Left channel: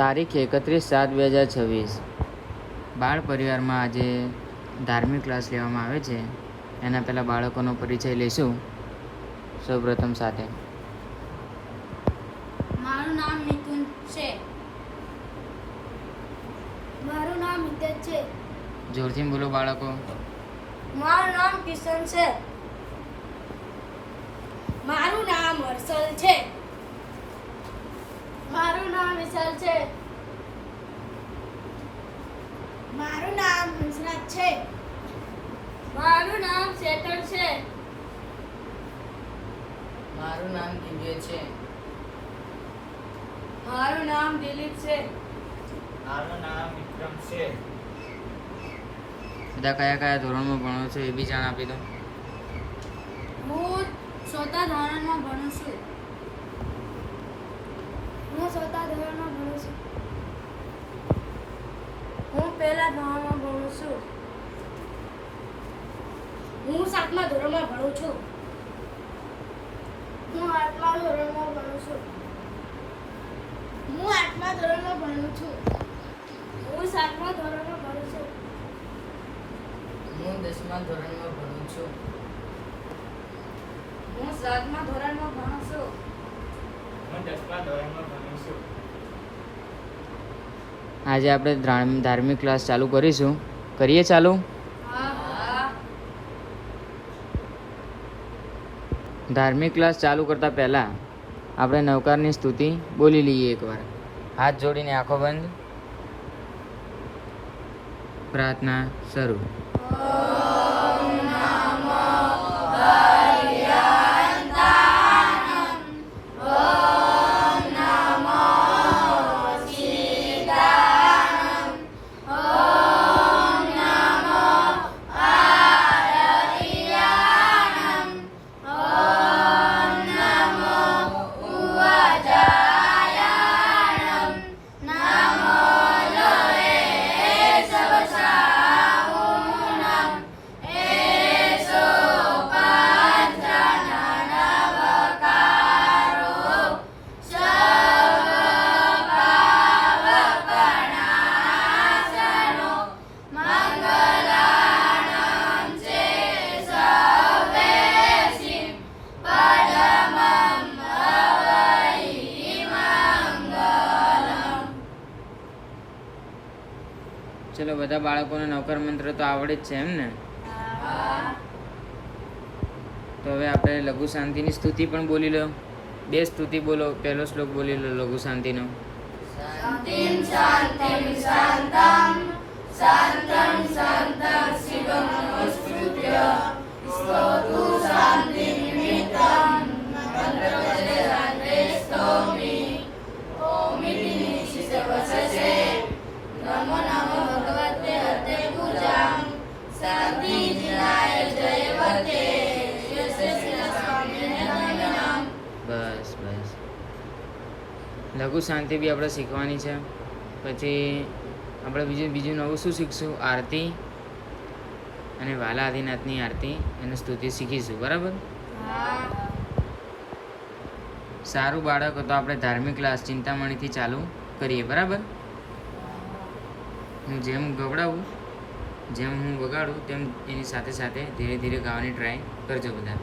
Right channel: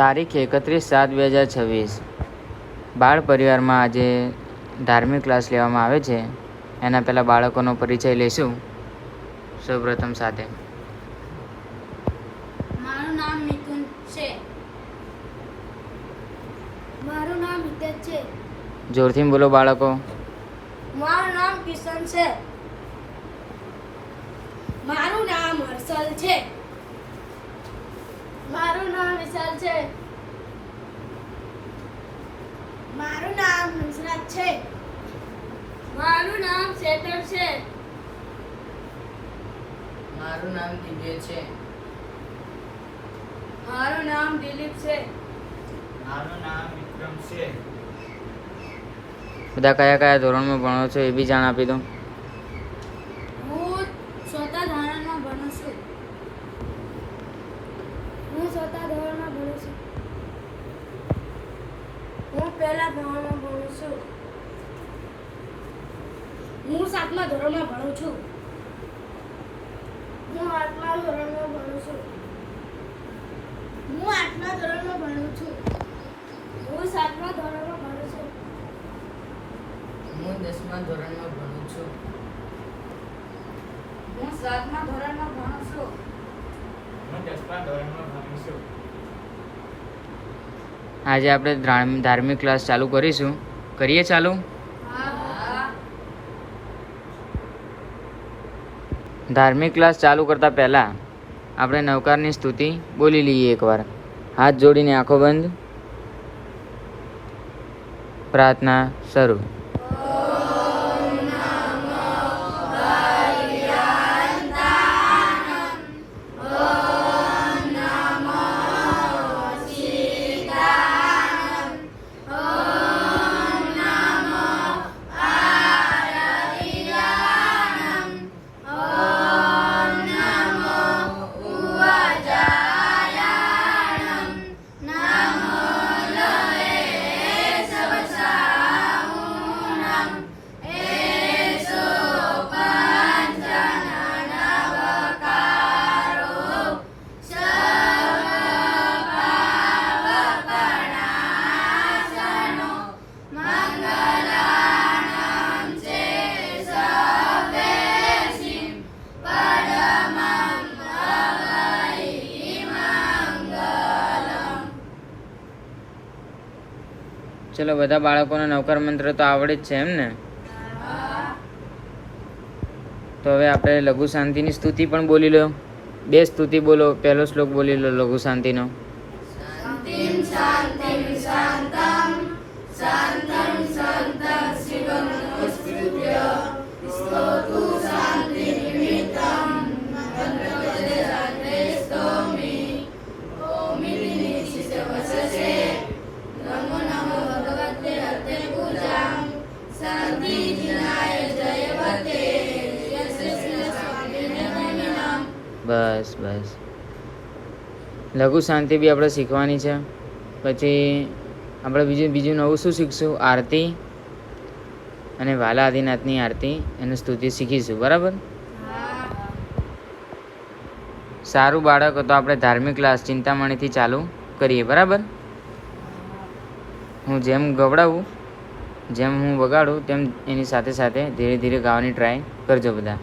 તારીખ 31/7/2026 બાળ પરિવારમાં આજે ધાર્મિક ક્લાસ લેવામાં આવે છે. એના પહેલાં બાળકોનો પરિચય લઈશું. સૌપ્રથમ સાથે મારું નામ નિકુંજ છે. મારું નામ હિતેશ છે. જોરથી બોલો બાળકો. મારું નામ કિશન છે. મારું નામ હર્ષલ છે. મારું નામ વિશાલ છે. મારું નામ હંસરાજ છે. મારું નામ શેતર છે. મારું નામ દિવ્ય છે. મારું નામ દિલીપ છે. મારું નામ વિક્રમ છે. બધા કયા કયા ધોરણમાં ભણો છો એ બી જાણ આપી દો. હું ચોથા ધોરણમાં ભણું છું. હું પહેલા ધોરણમાં ભણું છું. હું સાતમા ધોરણમાં ભણું છું. હું આઠમા ધોરણમાં ભણું છું. હું આઠમા ધોરણમાં ભણું છું. હું સાતમા ધોરણમાં ભણું છું. હું 10મા ધોરણમાં ભણું છું. હું સાતમા ધોરણમાં ભણું છું. હું 10મા ધોરણમાં ભણું છું. આજે આપણે ધાર્મિક ક્લાસ ચાલુ કરીશું. કરીએ ચાલુ? ધાર્મિક ક્લાસ ચાલુ કરતાં પહેલાં આપણે નવકારની સ્તુતિ બોલી લઈએ એકવાર. હાથ જોડીને આંખો બંધ. પ્રાર્થના શરૂ. ચલો, બધા બાળકોને નવકાર મંત્ર તો આવડે જ છે એમ ને? તો હવે આપણે લઘુ શાંતિની સ્તુતિ પણ બોલી લો. 2 સ્તુતિ બોલો. પહેલો શ્લોક બોલી લો લઘુ શાંતિનો. શાંતિમ શાંતિમ શાંતમ શાંતમ શાંતમ શિવમ નમસ્કૃત્ય સ્તોતુ શાંતિ નિમિત્તમ મંત્રપદે રાત્રે સ્તોમિ ઓમિતિ નિશ્ચિતવસસે નમો નમો ભગવતે હતે પૂજામ શાંતિ જીનાય જયવતે યશસ્વી સ્વામીને નમિનામ. બસ બસ. લઘુ શાંતિ બી આપણે શીખવાની છે. પછી આપણે બીજું નવું શું શીખશું? આરતી અને વાલા આદિનાથની આરતી અને સ્તુતિ શીખીશું. બરાબર? સારું બાળક, તો આપણે ધાર્મિક ક્લાસ ચિંતામણીથી ચાલુ કરીએ. બરાબર? હું જેમ ગવડાવું, જેમ હું વગાડું, તેમ એની સાથે સાથે ધીરે ધીરે ગાવાની ટ્રાય કરજો બધા.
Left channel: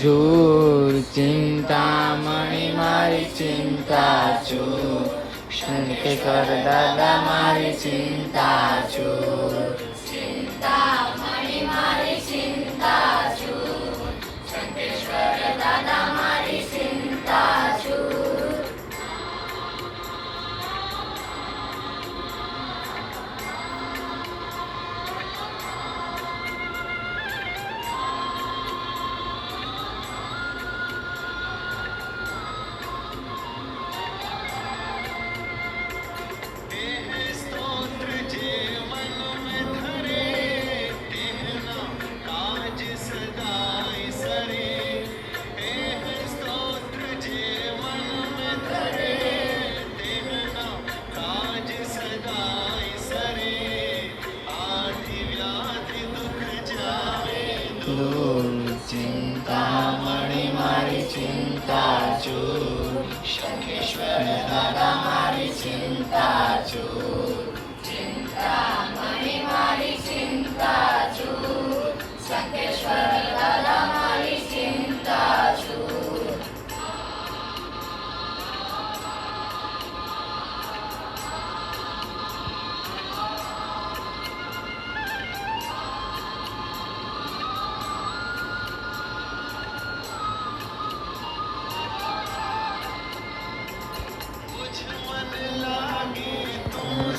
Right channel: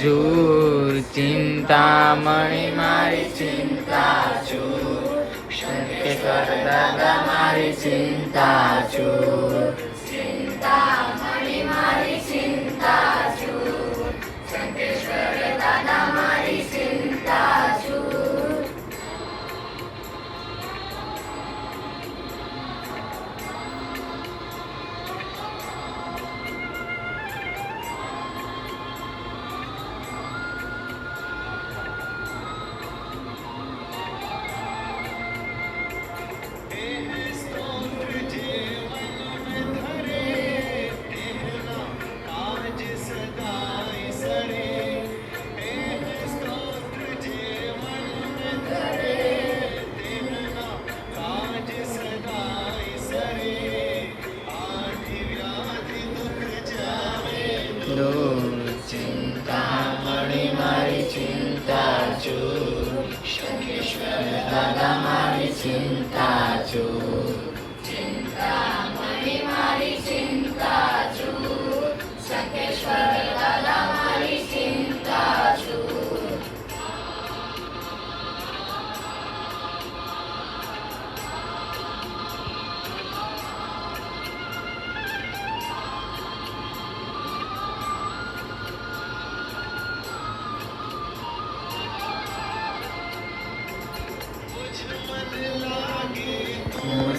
જૂર ચિંતામણી મારી ચિંતા ચૂર શંકેશ્વર દાદા મારી ચિંતા ચૂર ચિંતામણી મારી ચિંતા ચૂર શંકેશ્વર દાદા મારી ચિંતા ચૂર દૂર ચિંતામણી મારી ચિંતા ચૂર શંકેશ્વર દાદા મારી ચિંતા ચૂર ચિંતામણી મારી ચિંતા ચૂર શંકેશ્વર દાદા મારી ચિંતા ચૂર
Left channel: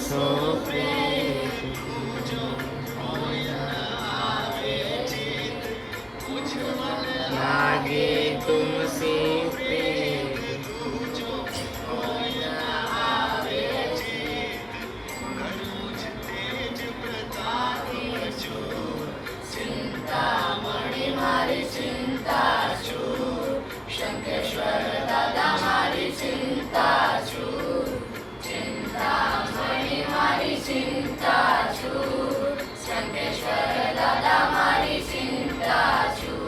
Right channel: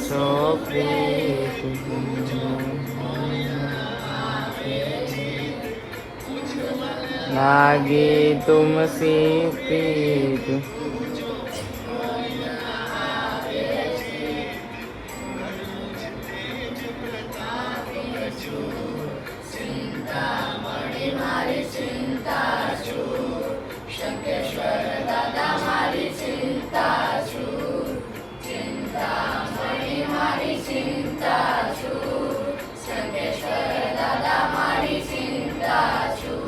સો પ્રીત લાગે તુમસે પ્રીત ચિંતામણી મારી ચિંતા ચૂર શંકેશ્વર દાદા મારી ચિંતા ચૂર ચિંતામણી મારી ચિંતા ચૂર શંકેશ્વર દાદા મારી ચિંતા ચૂર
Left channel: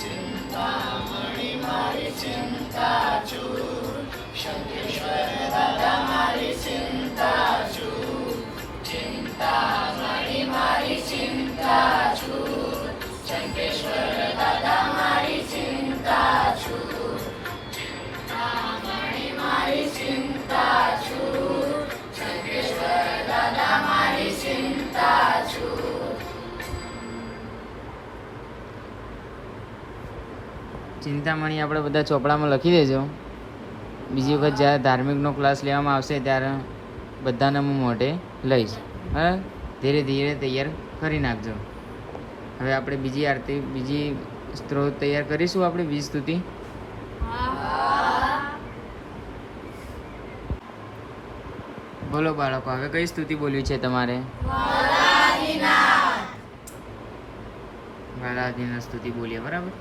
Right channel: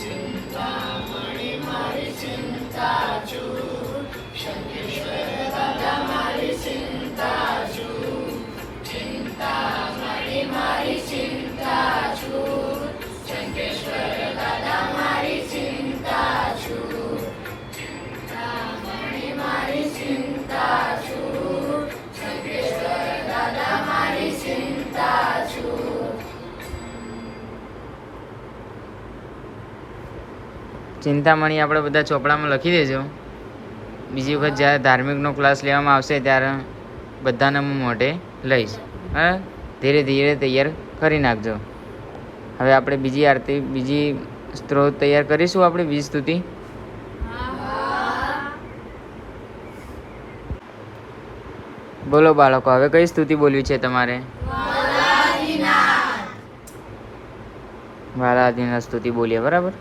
ચિંતામણી મારી ચિંતા ચૂર શંકેશ્વર દાદા મારી ચિંતા ચૂર ચિંતામણી મારી ચિંતા ચૂર શંકેશ્વર દાદા મારી ચિંતા ચૂર ચિંતામણી મારી ચિંતા ચૂર શંકેશ્વર દાદા મારી ચિંતા ચૂર ચિંતામણી આપણે બધા ચોપડામાં લખી દેજો. બીજી વખત જ્યારે ધાર્મિકનો ક્લાસ લેવામાં આવશે ત્યારે બધાને હું મોઢે લઈશ. હા, ધીરે ધીરે તૈયાર કરી નાખજો. હવે આપણે બીજી આરતી, બીજી સ્ત્રોત તૈયાર કરીશું. આપણે બીજી સ્તુતિ બોલો બાળકો. હવે કઈ સ્તુતિ બોલવી છે તમારે? વાલાદીના સ્તુતિ બોલીએ, બરાબર?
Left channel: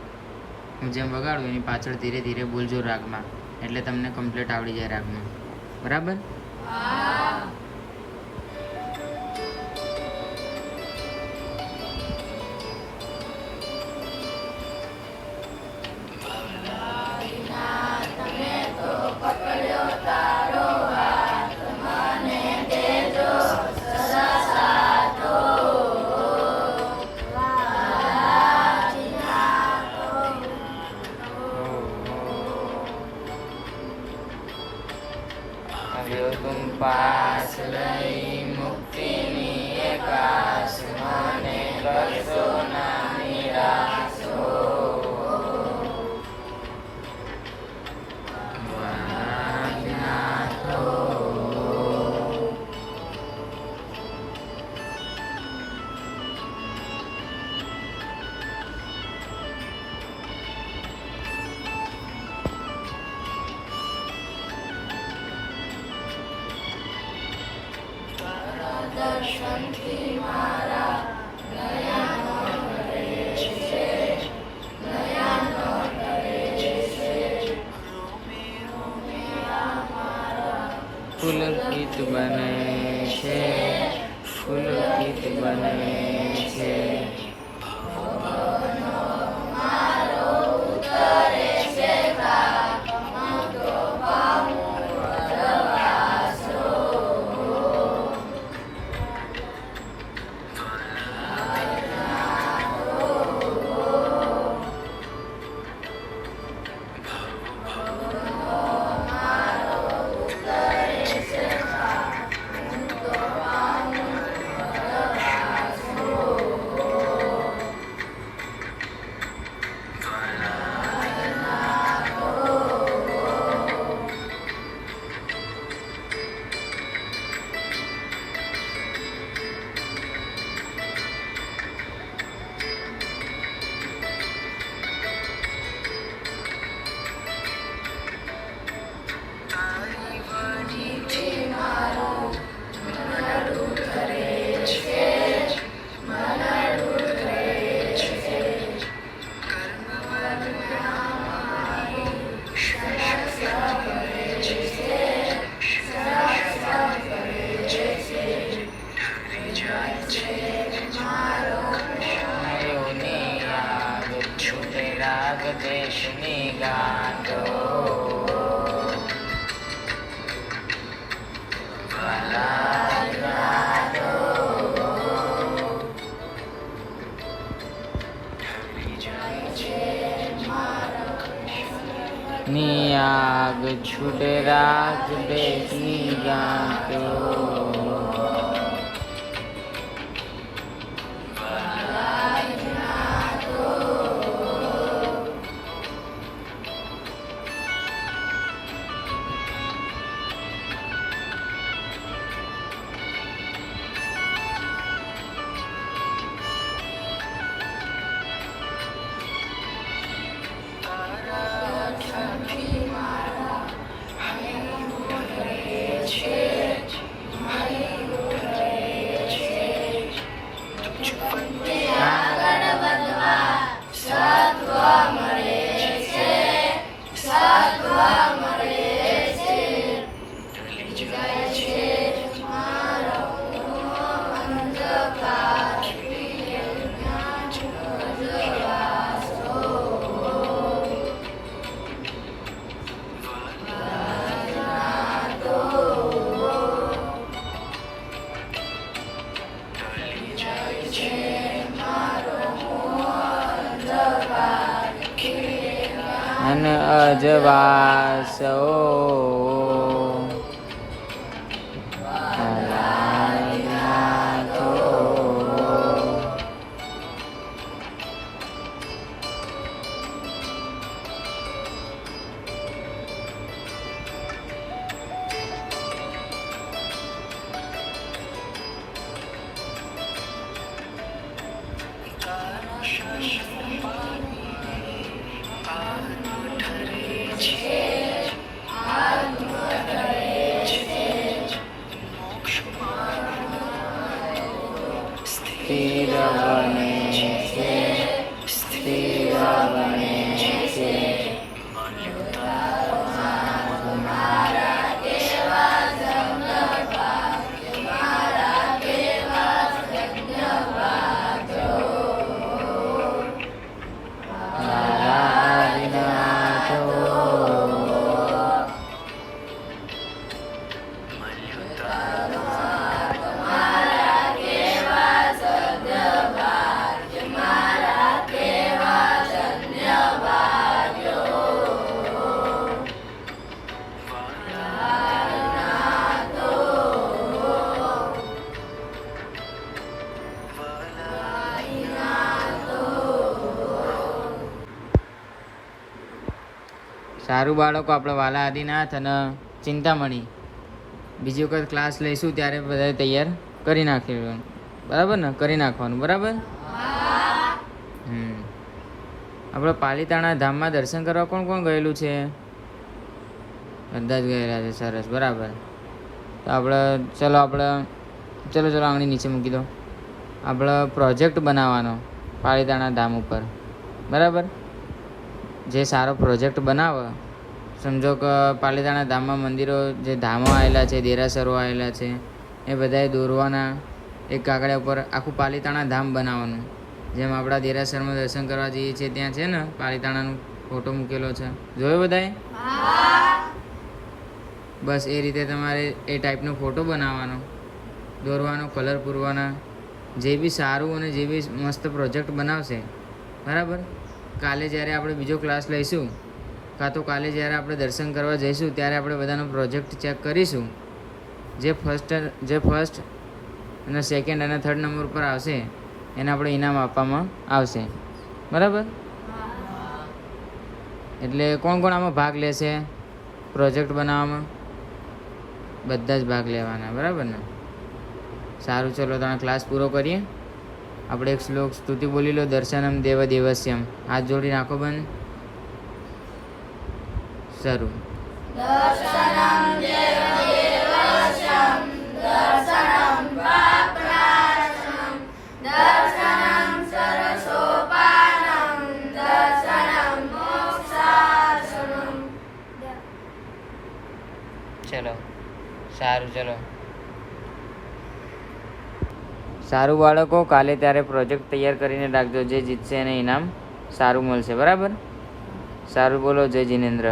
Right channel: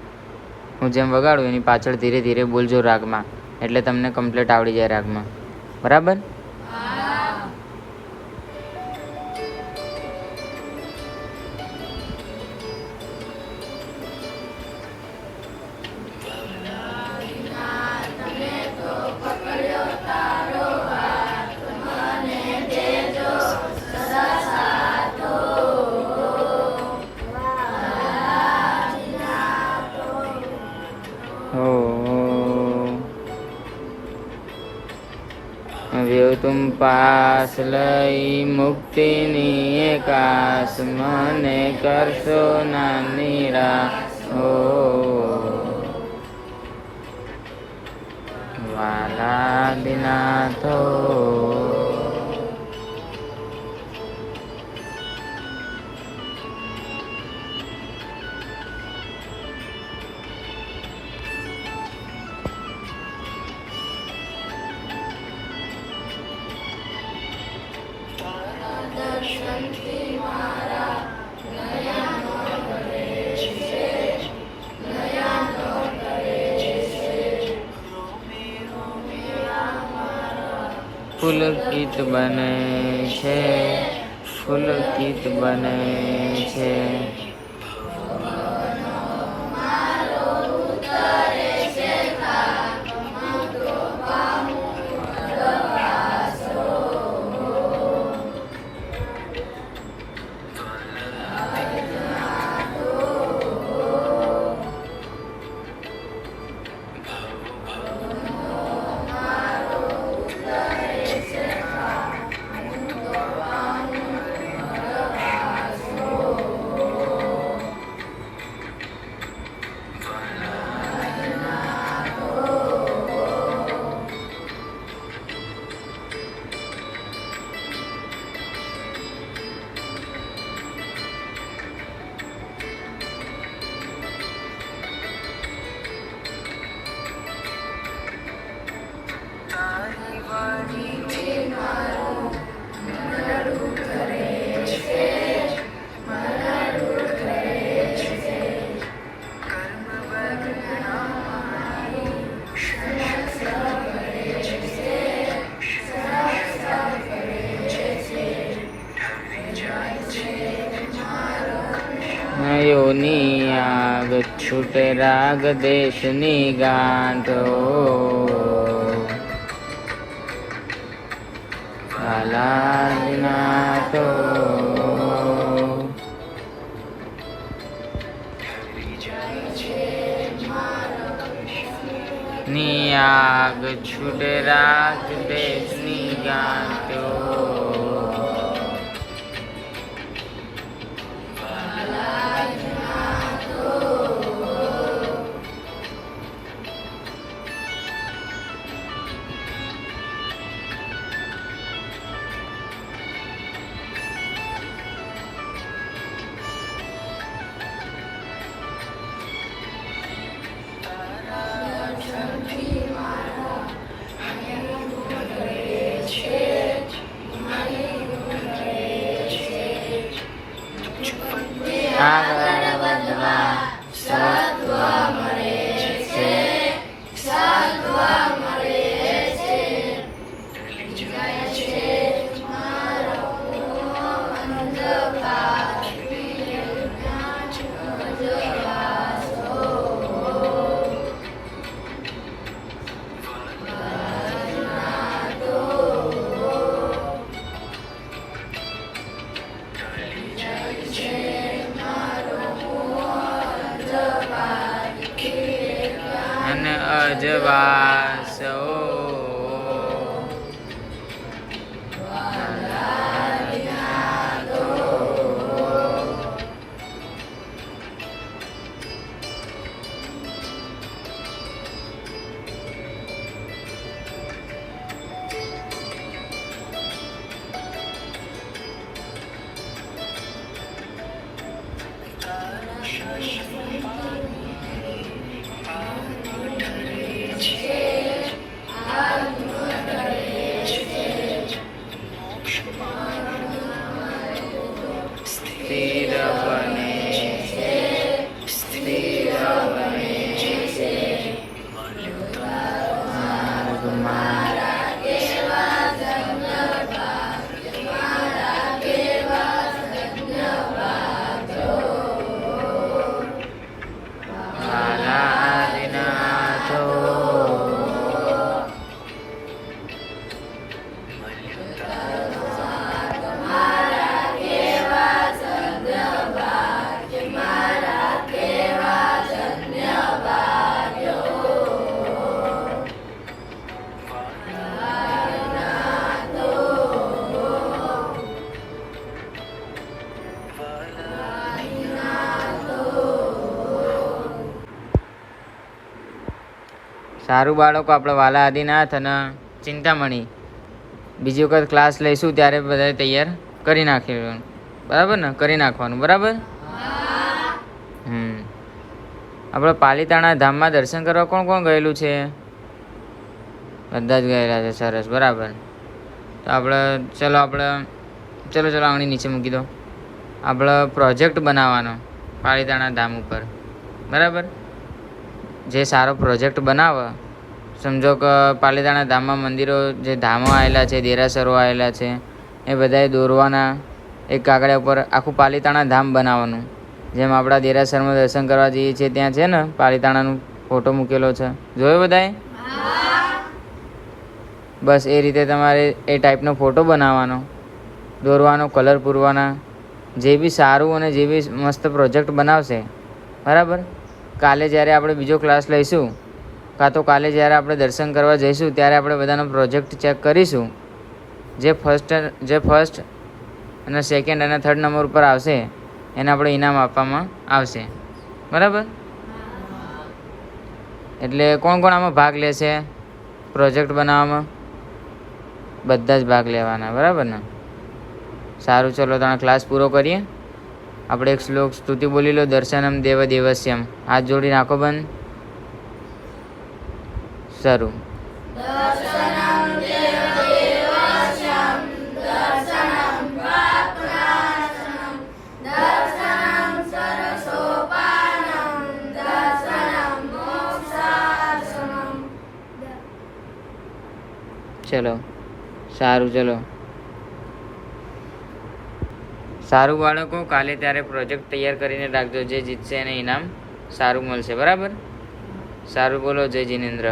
હું જેમ વગાડું એની પાછળ ધીરે ધીરે બોલજો રાગમાં, એટલે તમને કમ્પ્લીટ આવડી જાય રાગમાં, બરાબર? तुम पास लई मुक्तिनी एकाश મને કરશો ના નિરાશ હો વાલા દિનાથો. દર્શનથી મારા નયનો તરે છે, નયનો તરે છે. પુલકિત બને છે, પુલકિત બને છે. યોની આગ છૂટે રાગ દેશની ગાંઠો, નાથો. ની આગ છૂટે રાગ દેશની ગાંઠો. અને અજવાસો સ્થિર બને છે, સ્થિર બને છે. મારા કેવા વાલા હરિનાથો. સારું બાળકો, આપણે વાલા આદિનાથ અને ચિંતામણી બીજી વખત ક્લાસ લઈશું ત્યારે બધા તૈયાર કરી નાખીશું, બરાબર ને? કરી નાખવાનું, બરાબર. આપણે પાલીતાણા ધામમાં દર્શન કરવા કોણ કોણ ગયેલું છે? બધા જ ગયેલા છે. સરસ, બરાબર. તો આપણે ચલો આપણે ચલો ચલો આંગળી નીચે મૂકી દો. આપણે પ્રોજેક્ટ બનાવવાનો પાલીતાણા ધામ ઉપર, બરાબર. જે સારો પ્રોજેક્ટ બનાવે, સમજો કે પાલીતાણા ધામમાં મંદિરો, જે ધામો આવેલા છે, દેરાસરો આવેલા છે, એ બધાએ દોરવાના. એક કાગળિયા ઉપર આખું પાલીતાણા ધામ બનાવવાનું. જેમ આપણા દેરાસરમાં દર્શન કરવા જઈએ છીએ ત્યાં છે ને પાલીતાણાનો ફોટો મૂકેલો છે, જોયો બધાએ? બસ એ રીતે તમારે એ ટાઈપનો ફોટો બનાવવાનો, દોરવાનો, કલર પૂરવાના. જે બી સારું અને જે બી મસ્ત પ્રોજેક્ટ બનાવશે, બરાબર, કાલે જ્યારે આપણે બીજો ક્લાસ લઈશું કાં તો કાલે જ્યારે આપણે દર્શન કરવા જઈશું ત્યારે આપણે બધાનો પ્રોજેક્ટ ચેક કરીશું. જે ફર્સ્ટ અને સેકન્ડ અને થર્ડ નંબર ઉપર આવશે એને આપણે ઇનામ આપવામાં આવશે, બરાબર. એટલે કોણ કોણ આમાં ભાગ લેશે પ્રોજેક્ટ બનાવવામાં? બધા જ ભાગ લેવાના, બરાબર ને? સારું, ચલો તમે ક્લાસ પૂરો કરીએ. આપણે એક શ્લોક સ્તુતિ બોલી લો. દર્શનમ દેવ દેવસ્યમ. હાથ જોડી નાખો બંધ. શરૂ. ચલો સારું, ચલો સારું બાળકો, કાલે ત્યારે પ્રોજેક્ટ તૈયાર કરીને રાખજો. જે જીતશે એને ઇનામ સારું મળશે, બરાબર. સારું, બોલો જય જિનેન્દ્ર.